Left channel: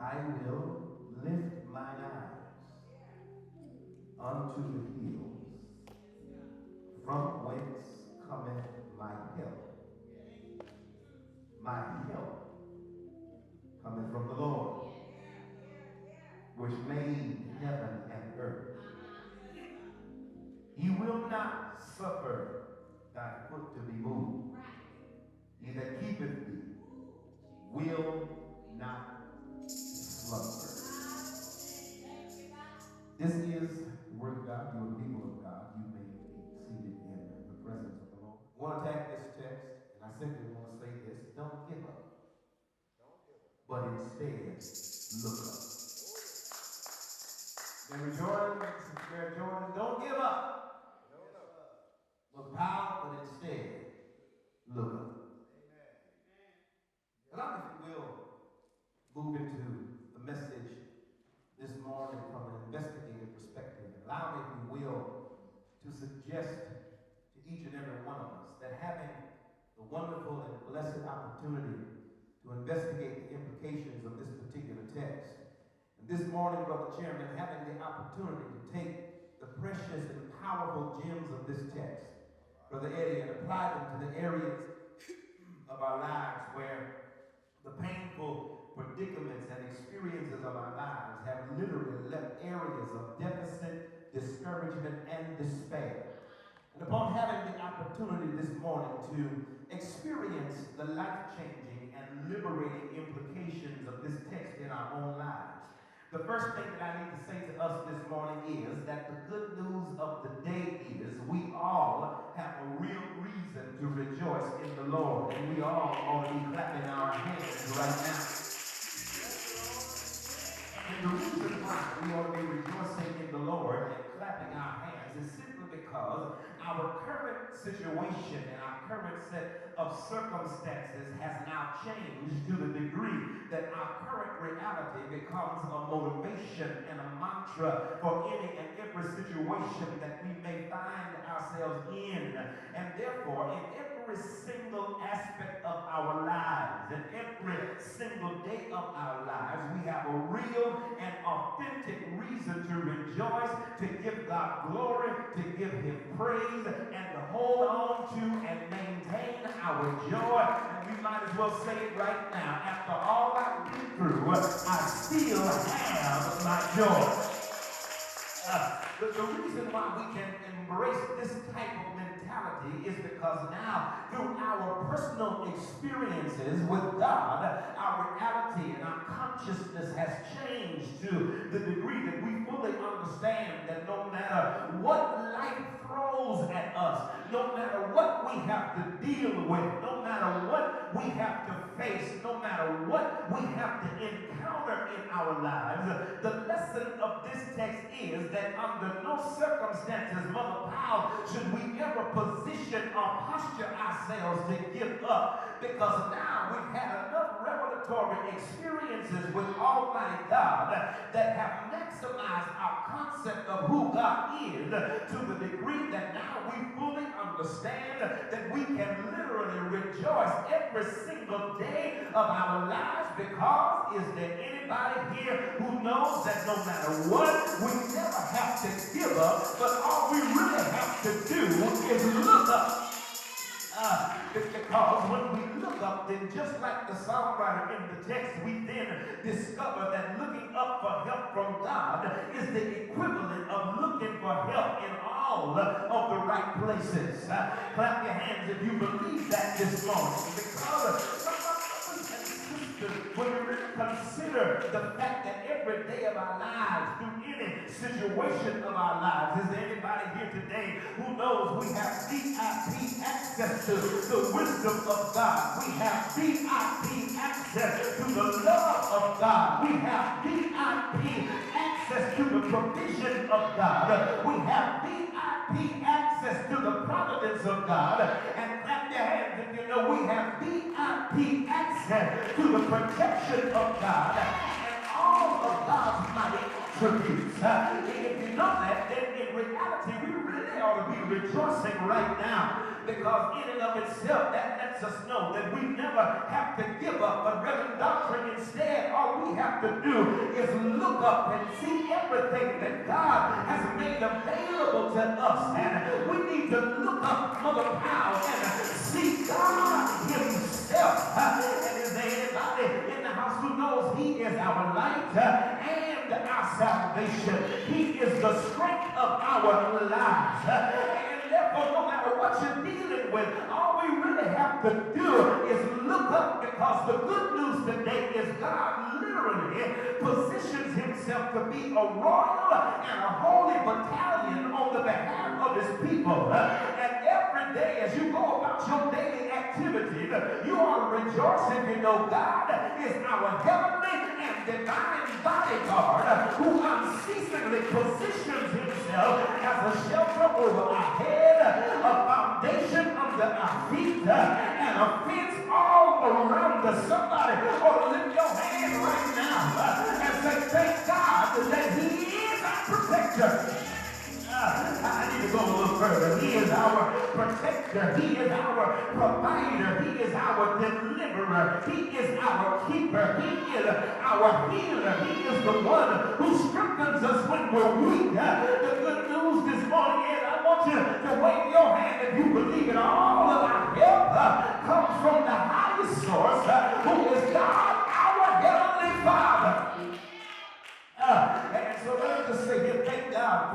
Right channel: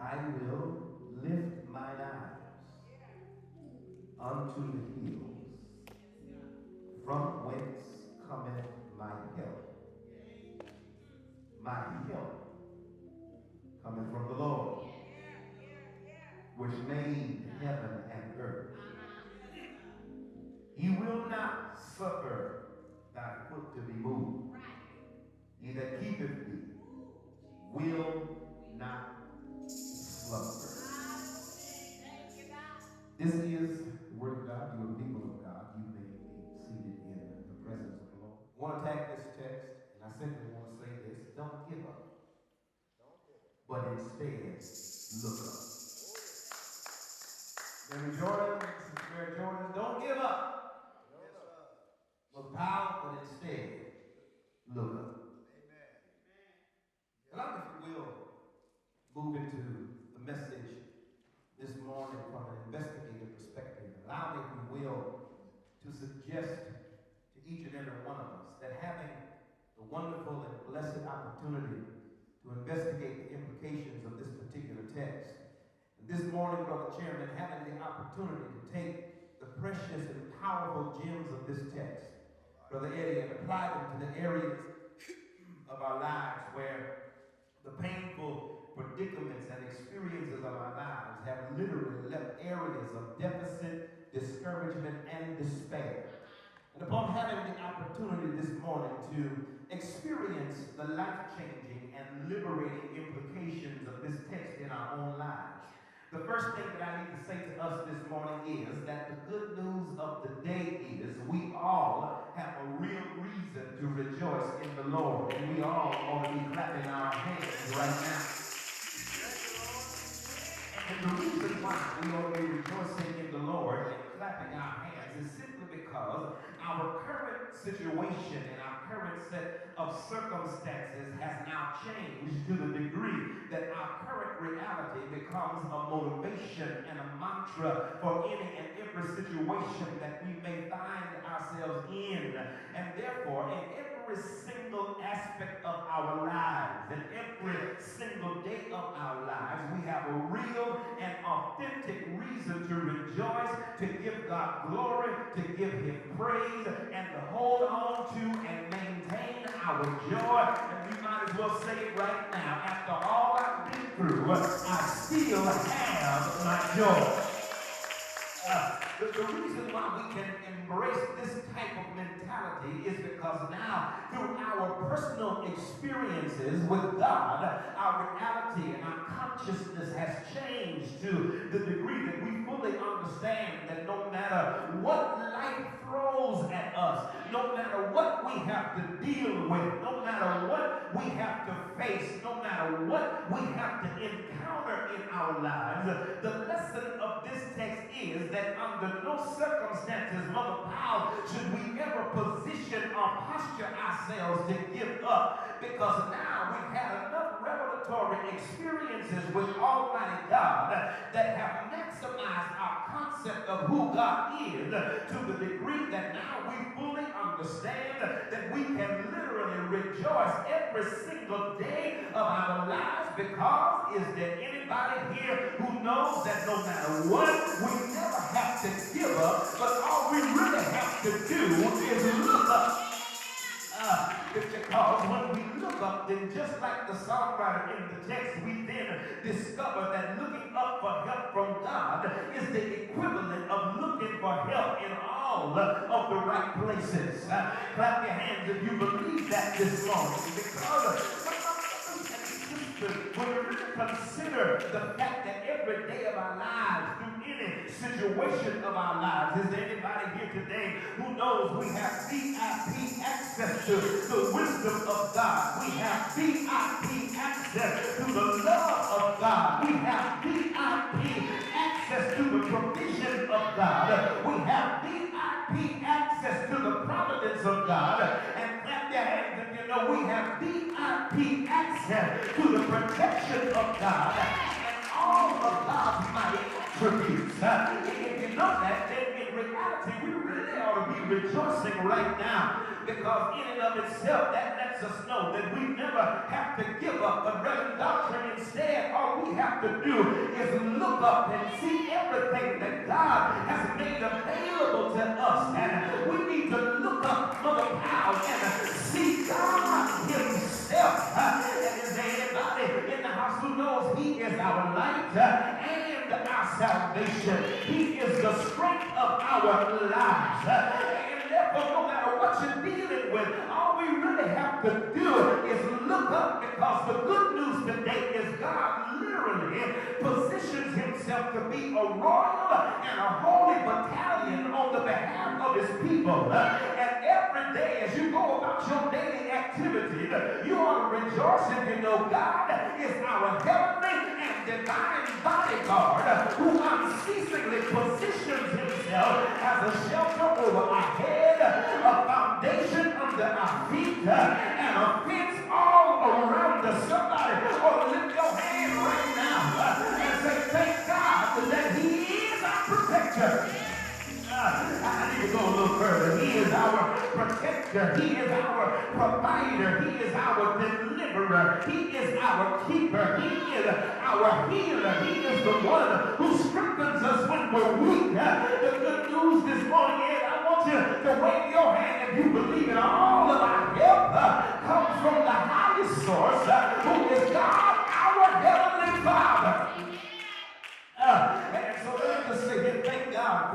I will lift mine eyes unto the hills, from whence cometh my help. My help cometh from the Lord, which made heaven and earth. He will not suffer thy foot to be moved. He that keepeth thee will not slumber. This is the word of God. You are the people of God. You may be seated in the presence of the Lord. I want to take this text, and I simply want to say this: don't give up, but instead look up. Mary Jordan, don't give up. Look down, but instead look up. Allow me, if you will, move into the message this morning from an investigative perspective. Allow me, if you will, to suggest to each and every one of us that having the wonderful and blessed opportunity to investigate the implications of this particular text, and this morning, Brother Chairman, having the opportunity to take the precious and powerful gems of this text, Brother Eddie, and apply them to the areas of our lives where the painful predicaments and experiences of our lives have literally left areas of deficit, discouragement, and despair. And upon having the opportunity this morning to experience the life-changing and liberating implications of this text in our own lives, the first thing that I need to say to us this morning is that the good news of the day is we all have a real reason to rejoice in the Lord. And we all ought to be clapping our hands right now. And the reason why we ought to be rejoicing in the Lord and clapping our hands is simply because our current situation and our current set of circumstances has now changed to the degree that our current reality becomes a motivation and a mantra for any and every situation that we may find ourselves in. And therefore, in every single aspect of our lives, in every single day of our lives, we have a real and authentic reason to rejoice, to give God glory, to give Him praise, and to hold on to and maintain our joy. And we might as well say it right now. After all I've been through, I still have my joy. The reason why we can embrace this type of mentality is because now, through our personal experiences with God, our reality and our consciousness has changed to the degree that we fully understand that no matter what life throws at us, no matter what we have to deal with, no matter what we have to face, no matter what we have to encounter in our lives, the lesson of this text is that under no circumstances, Mother Powell, should we ever position or posture ourselves to give up, because now we've had enough revelatory experiences with Almighty God that have maximized our concept of who God is to the degree that now we fully understand that we can literally rejoice every single day of our lives, because is there anybody here who knows that no matter what, we never have to give up, but all we really have to do is look up. It's because when we look up, then just like the songwriter in the text, we then discover that looking up for help from God is the equivalent of looking for help in all of the right places. Clap your hands if you believe that this morning, because when we really consider the fact that every day of our lives, through any situation of our lives, is there anybody here today who knows we have VIP access to the wisdom of God? We have VIP access to the love of God. We have VIP access to the provision of God. We have VIP access to the providence of God. And clap your hands if you know we have VIP access to the protection of God and all of God's mighty attributes. If you know that, then in reality, we really ought to be rejoicing right now, because in and of itself, that lets us know that we never have to give up, but Reverend Doctrine, instead, all we we have to do is look up and see everything that God has made available to us. And we need to look up, Mother Powell, and see God himself. And is there anybody in the house who knows he is our light and our salvation? He is the strength of our lives. And therefore, no matter what you're dealing with, all we really have to do is look up, because the good news today is God literally positions himself to be a royal and a holy battalion on the behalf of his people. And every day as you go about your daily activity, you are rejoicing to know God is our heavenly and divine bodyguard who unceasingly positions himself as a shelter over our head, a foundation under our feet, and a fence all around us. Somebody ought to lift your hand right now and say, thank God that he is our protector. I need to go a little further. He is our protector. He is our provider. He is our deliverer. He is our keeper. He is our healer. He is the one who strengthens us when we're weak. The good news this morning is I want you to wave your hand if you believe it. All of our help comes from the highest source, who is God, our Heavenly Father. And so let me just say here, thank God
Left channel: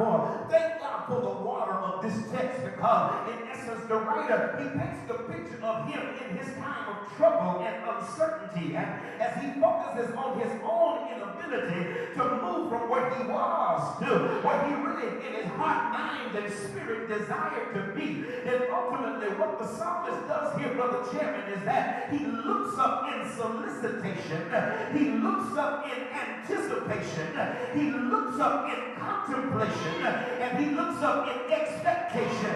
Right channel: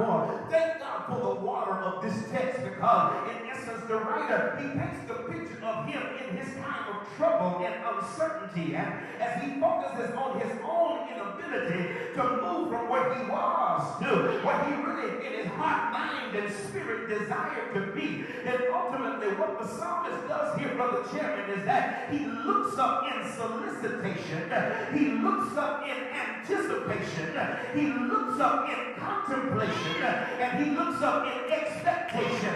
for the water of this text, because in essence the writer, he paints the picture of him in his time of trouble and uncertainty, and as he focuses on his own inability to move from where he was to where he really in his heart, mind, and spirit desired to be. And ultimately what the psalmist does here, Brother Chairman, is that he looks up in solicitation, he looks up in anticipation, he looks up in contemplation, and he looks up in expectation.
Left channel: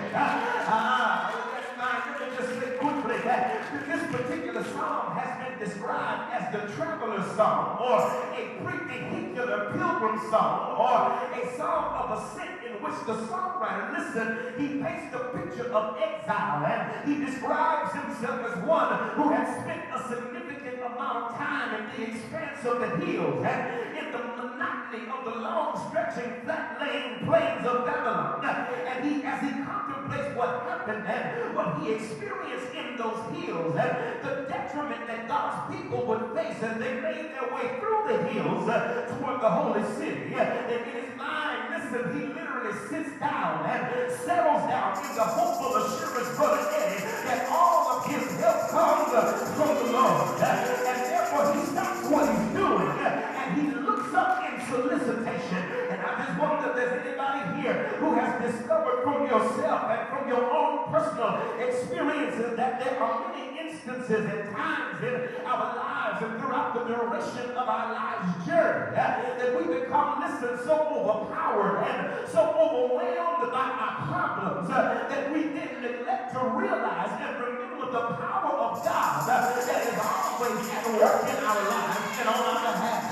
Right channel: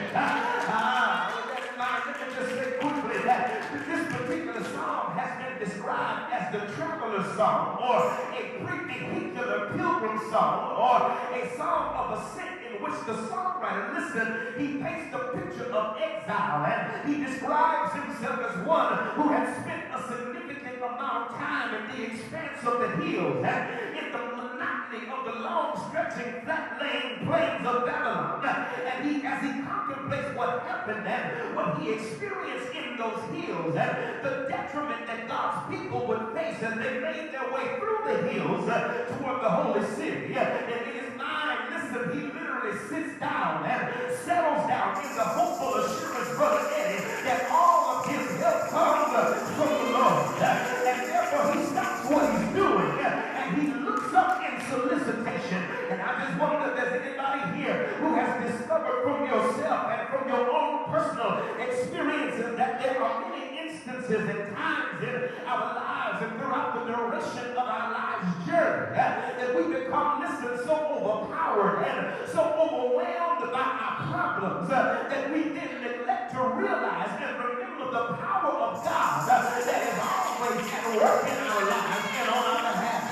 Let me just say quickly that this particular psalm has been described as the traveler's psalm, or a pre-vehicular pilgrim psalm, or a psalm of ascent, in which the songwriter, listen, he paints the picture of exile, and he describes himself as one who had spent a significant amount of time in the expanse of the hills, and in the monotony of the long stretching flat-laying plains of Babylon. And as he contemplates what happened and what he experienced in those hills, and the detriment that God's people would face as they made their way through the hills toward the holy city. And in his mind, listen, he literally sits down and settles down in the hopeful assurance, Brother Eddie, that all of his help comes from the Lord. And therefore he stops what he's doing and he looks up in solicitation. And I just wonder if there's anybody here who has discovered from yourself and from your own personal experiences that there are many instances and times in our lives and throughout the duration of our lives journey that we become, listen, so overpowered and so overwhelmed by our problems that we then neglect to realize and remember the power of God that is always at work in our lives and on our behalf.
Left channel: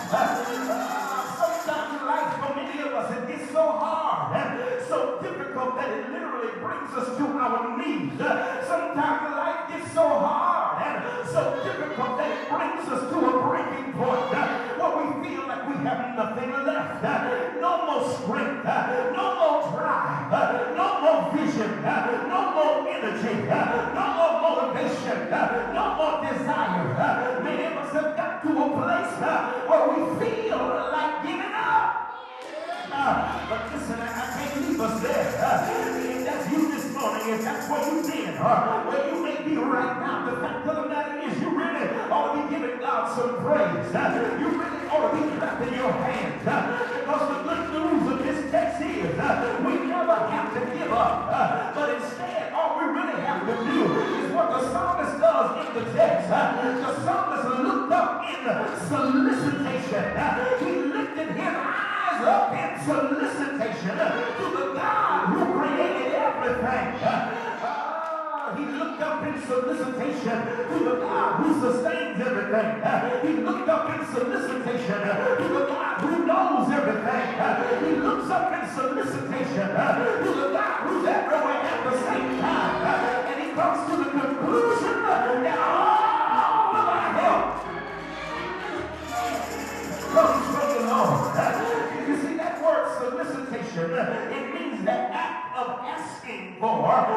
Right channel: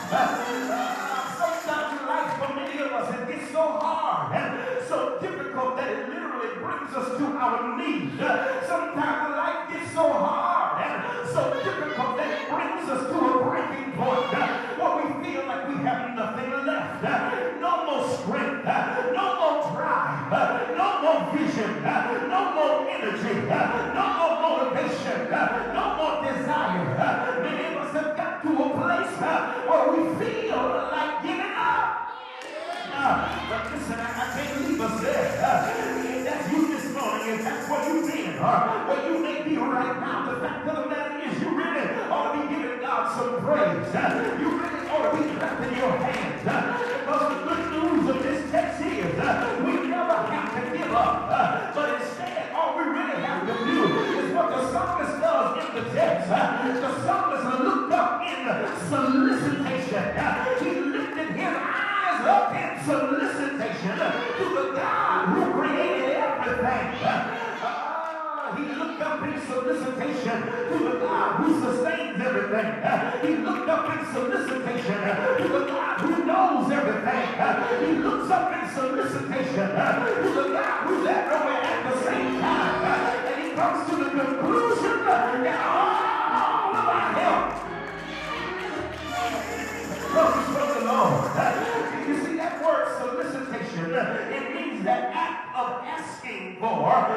Sometimes in life, for many of us, it gets so hard and so difficult that it literally brings us to our knees. Sometimes life gets so hard and so difficult that it brings us to a breaking point where we feel like we have nothing left. No more strength, no more drive, no more vision, no more energy, no more motivation, no more desire. Many of us have got to a place where we feel like giving up. But listen, I can't leave us there. If that's you this morning, if that's where you've been, or where you may be right now, the fact of the matter is you really ought to be giving God some praise. You really ought to be clapping your hands. Because the good news of this text is we never have to give up. But instead, all we really have to do is what the psalmist does in the text. The psalmist looked up in solicitation. He lifted his eyes up in solicitation to the God who created everything. He looked up in solicitation to the God who sustains everything. He looked up in solicitation to the God who knows everything. He looks up in solicitation to the God who's everywhere at the same time. And he comes to the conclusion that all of our help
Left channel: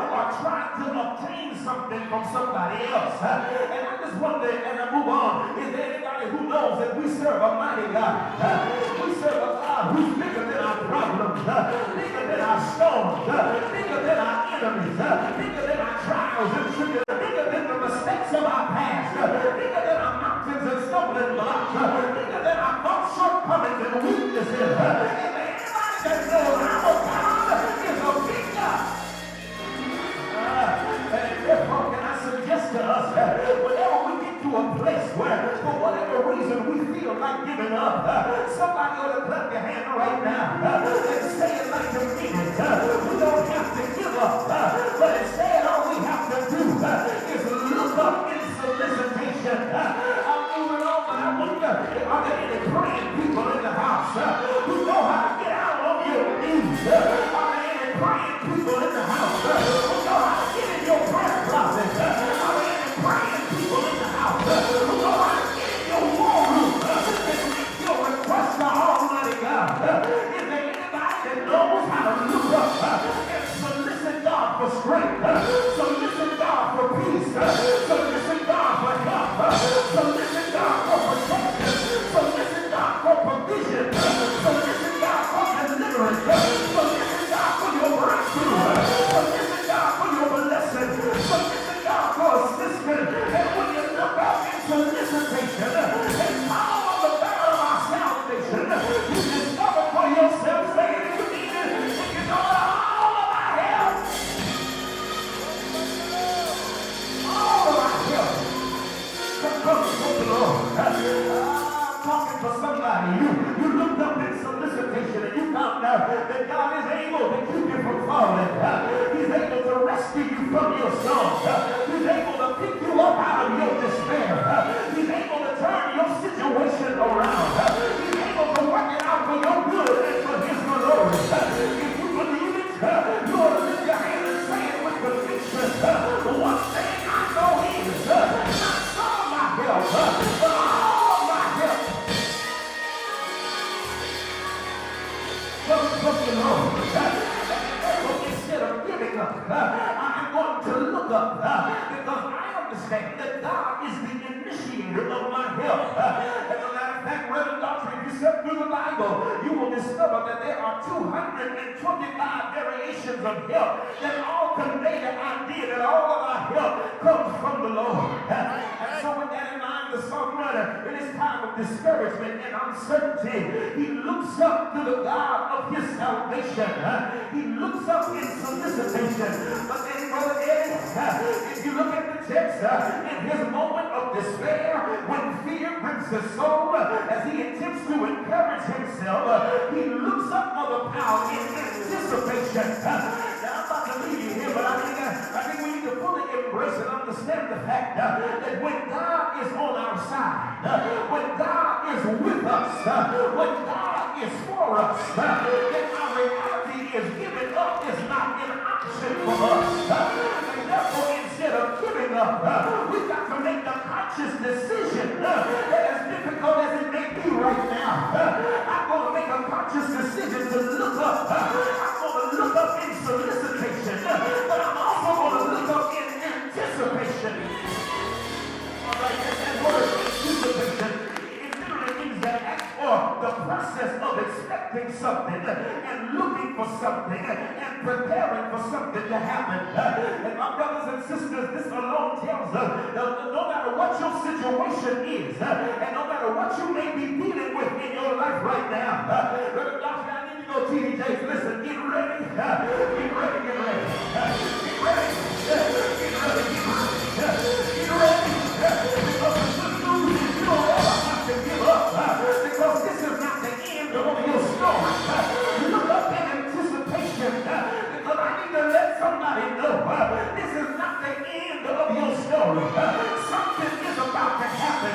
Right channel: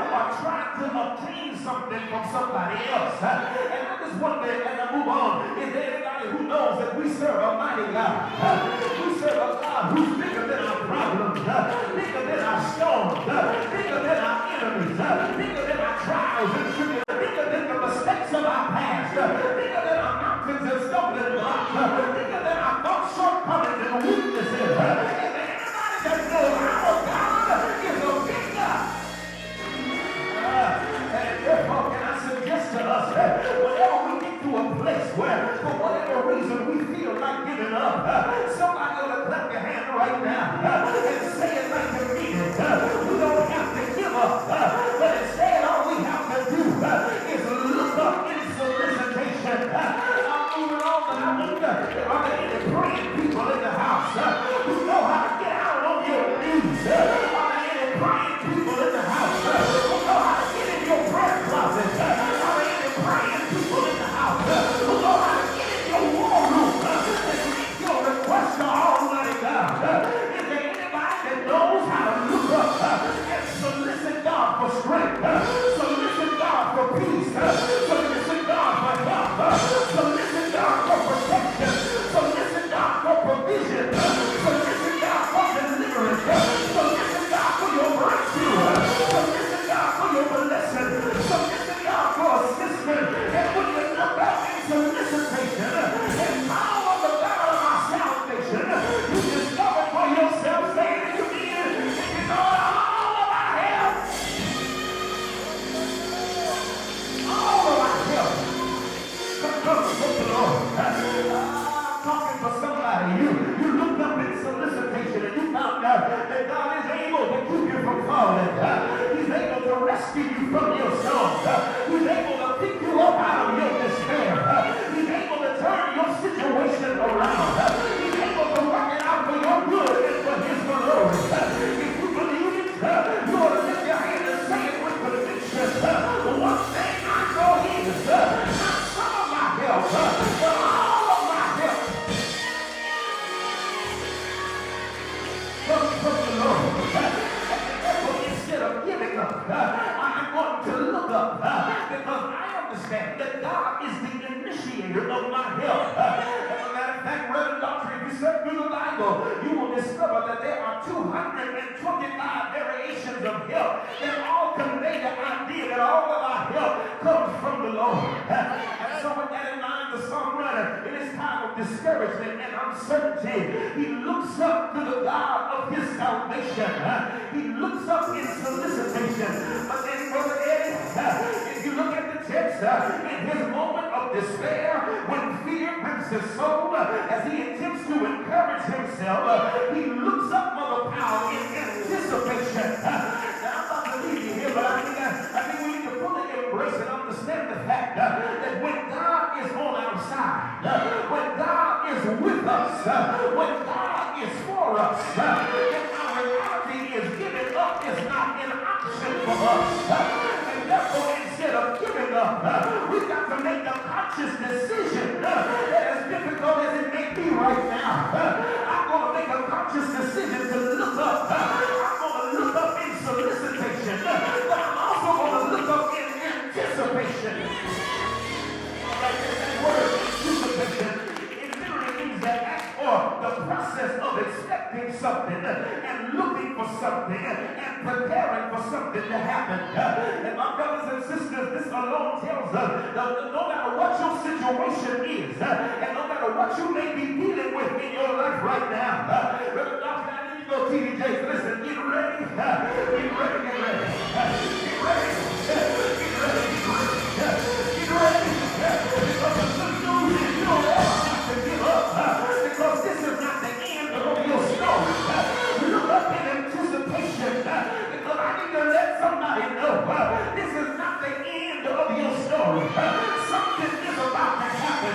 or trying to obtain something from somebody else. And I just wonder, as I move on, is there anybody who knows that we serve a mighty God? We serve a God who's bigger than our problems, bigger than our storms, bigger than our enemies, bigger than our trials and tribulations, bigger than the mistakes of our past, bigger than our mountains and stumbling blocks, bigger than our thoughts, shortcomings, and weaknesses. Is there anybody that knows our God is a big God? And therefore, can I suggest to us that whenever we get to a place where, for whatever reason, we feel like giving up, somebody ought to clap your hand right now and say it like you mean it. We don't have to give up, but instead all we have to do is look up in solicitation. I'm moving on, but I wonder, are there any praying people in the house who know how to get out on your knees? Are there any praying people in the house who know how to get in your prayer closet? Are there any praying people in the house who know how to get in your war room and make your request to Almighty God? Is there anybody that knows how to look up and solicit God for strength, solicit God for peace, solicit God for help, solicit God for protection, solicit God for provision, solicit God for deliverance, solicit God for your breakthrough, solicit God for your blessing, solicit God for assistance? And when you look out in solicitation and follow the God of our salvation, you discover for yourself, saying that you need it, and you know all of our help. All of our help comes from the Lord. I'm talking for somebody. You looked up in solicitation and you found out that God is able to keep you from falling. He's able to rescue you from your storms. He's able to pick you up out of your despair. He's able to turn your situation around. He's able to work it out for your good and for His glory. If you believe it, you ought to lift your hand and say it with conviction. One thing I know is not some of my help, but all of my help comes from the Lord. But instead of giving up, I'm going to look up because I understand that God is the initiator of my help. As a matter of fact, Reverend Doctor, if you search through the Bible, you will discover that there are 225 variations of help that all convey the idea that all of our help comes from the Lord. And so with that in mind, the songwriter, in his time of discouragement and uncertainty, he looks up to the God of his salvation. He looks up in solicitation. But then, Brother Eddie, if you look at the text, in his moment of despair, when fear grips his soul, as he attempts to encourage himself, he looks up for the power in anticipation. Now, I'm about to leave you here, but I think we need to fully embrace and understand the fact that when God is on our side, when God is with us, when God is for us, then our reality is giving up is not an option for us. And therefore, instead of giving up, we've got to make the conscious decision that as difficult as it may be right now, I'm going to make a conscious decision to look up. I'm going to look up in solicitation, but I'm also going to look up in anticipation. Like that word, anticipation, it literally means that act for the process of expecting something and looking for something and preparing for something to happen. And my brothers and sisters, this alone tells us that no matter what your situation is, and no matter what you may be dealing with in your life right now, Brother Doctor, I need to go TD Jakes. Listen, get ready. Get ready, get ready. Get ready. Get ready. Get ready. Get ready. Because the good news is you don't ever have to give up. Because this is not the end of your story. Look up in anticipation. Because I need to let somebody know this is not the end of your story. Something is about to happen.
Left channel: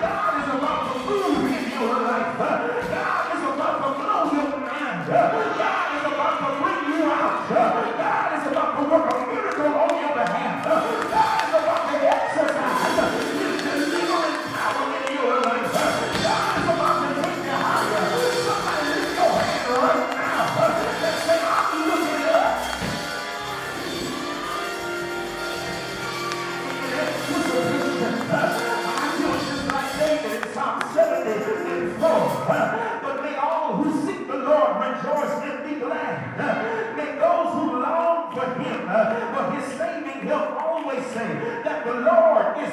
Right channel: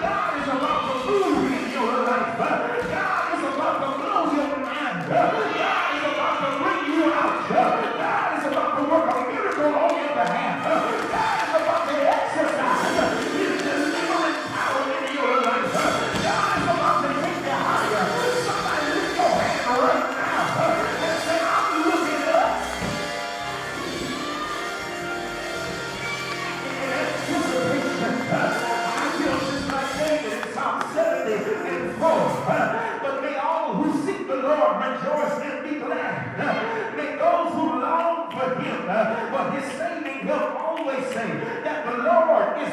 God is about to move in your life. God is about to blow your mind. God is about to bring you out. God is about to work a miracle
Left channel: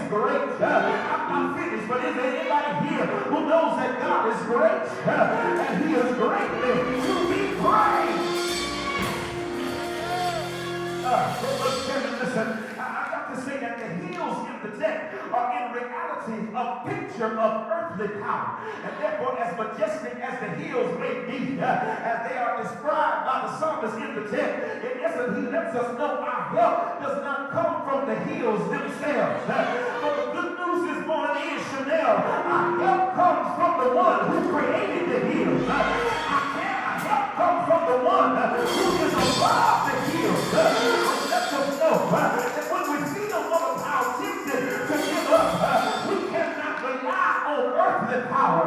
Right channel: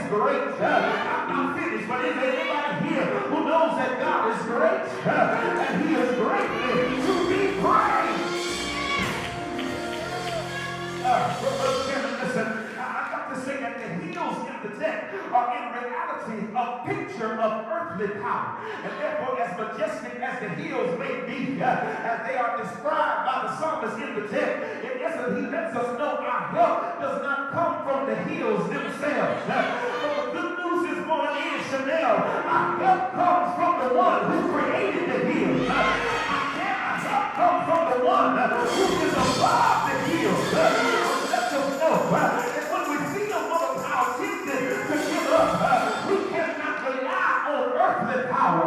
great. I'm not finished, but is there anybody here who knows that God is great? And he is greatly to be praised. Listen, I got to say that the hills in the text are in reality a picture of earthly power. And therefore, as majestic as the hills may be, as they are described by the psalmist in the text, in essence, he lets us know our help does not come from the hills themselves. But the good news this morning is, Chanel, our help comes from the one who created the hills. Our help comes from the one who is above the hills. Let us know that when we see the woman how tempted to give up, we cannot rely on earthly power.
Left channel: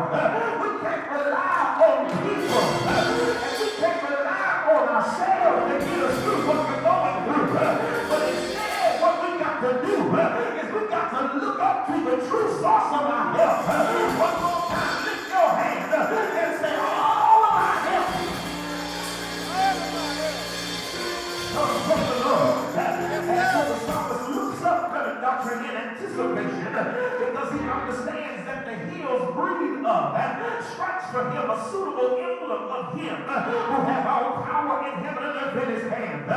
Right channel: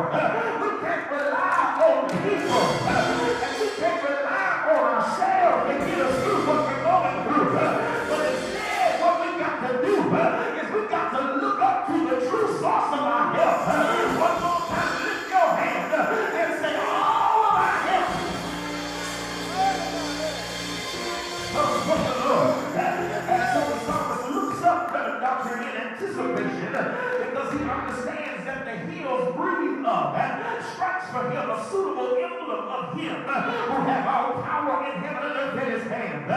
We can't rely on people. And we can't rely on ourselves to get us through what we're going through. But instead, what we got to do is we got to look up to the true source of our help. One more time, lift your hand and say, all of our help comes from the Lord. And so the psalmist looks up to the doctrine in anticipation because he understands that the hills breathe up and strikes for him a suitable emblem of him who has all power in heaven and earth in his hand,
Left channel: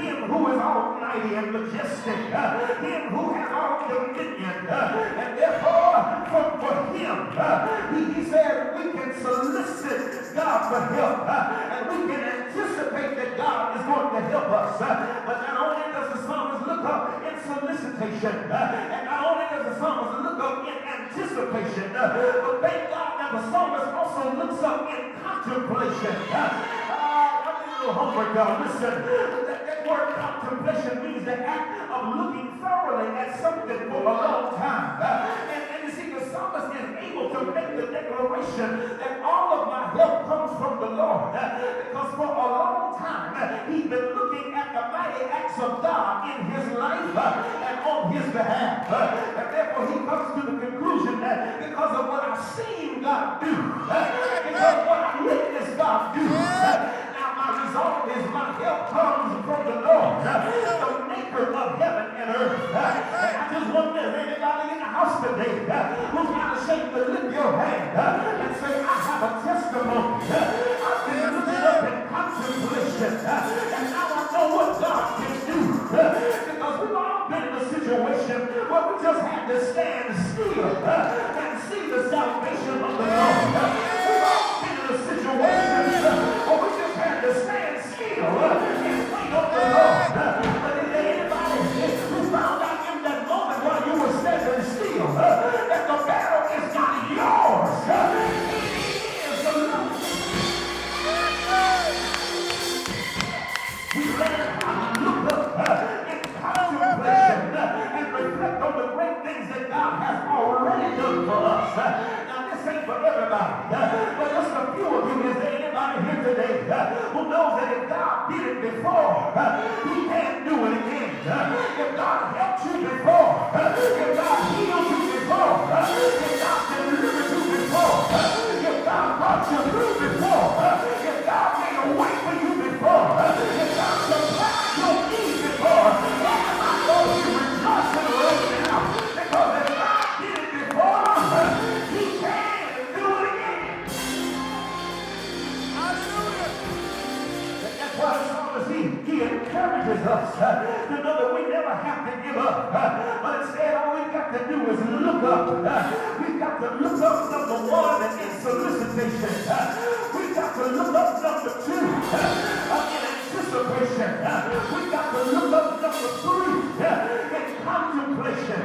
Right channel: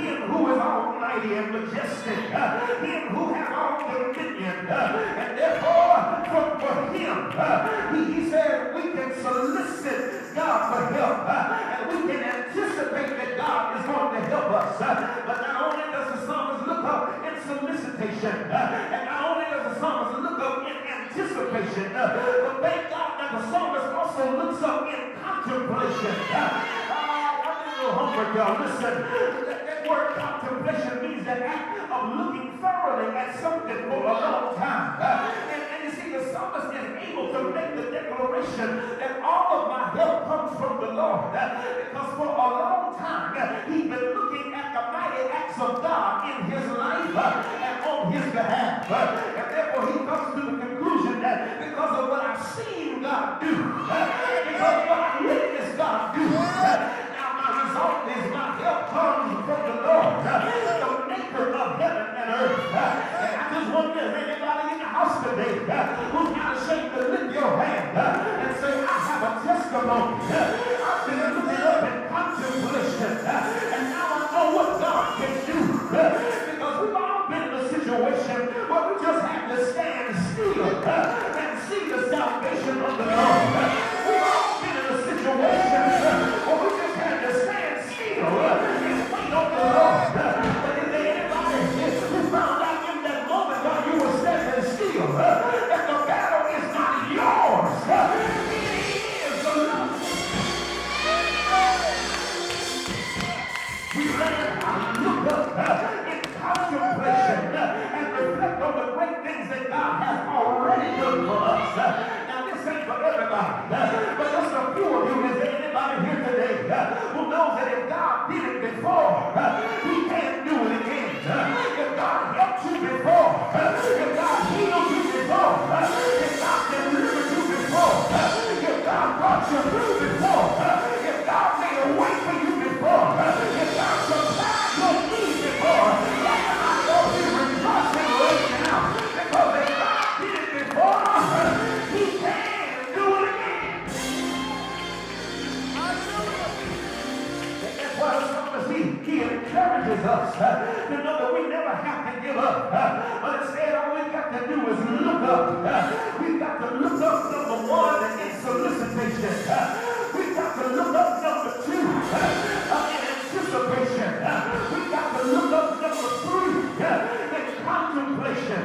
him who is almighty and majestic, him who has all dominion, and therefore for him, he said we can solicit God for help, and we can anticipate that God is going to help us. But not only does the psalmist look up in solicitation, and not only does the psalmist look up in anticipation, but thank God that the psalmist also looks up in contemplation. I'm a little homework, y'all. Listen, that word contemplation means the act of looking thoroughly at something for a long time. And you see, the psalmist is able to make the declaration that all of my help comes from the Lord. Because for a long time, he's been looking at the mighty acts of God in his life and on his behalf. And therefore, he comes to the conclusion that because of what I've seen God do, because of what I've witnessed God do, now my result is my help comes from the Lord, the maker of heaven and earth. And I just wonder if anybody in the house today who's not ashamed to lift your hand and say, I have a testimony. I've been looking up in contemplation, and now I know what God can do. Because we've all been in a situation where we just had to stand still and see the salvation of the Lord. We've all been in a situation where we just had to stand still and wait on the Lord. But is there anybody who found out in that moment while you were standing still that the battle is not yours? It is the Lord. We learn how to look up in contemplation and reflect on the great things that God has already done for us. Now, this ain't for everybody, but just a few of you. Is there anybody here today who knows that if God did it before, he can do it again? If God helped you before, if God healed you before, if God delivered you before, if God brought you through before, if God made a way for you before, if God supplied your needs before, I know you rejoicing right now, because if God did it before, he can do it again. Hallelujah. That's why the psalmist, he encourages us to know that we never have to give up. But instead, all we've got to do is look up. We've got to look up, number one, in solicitation. We've got to look up, number two, in anticipation. We've got to look up, number three, in contemplation.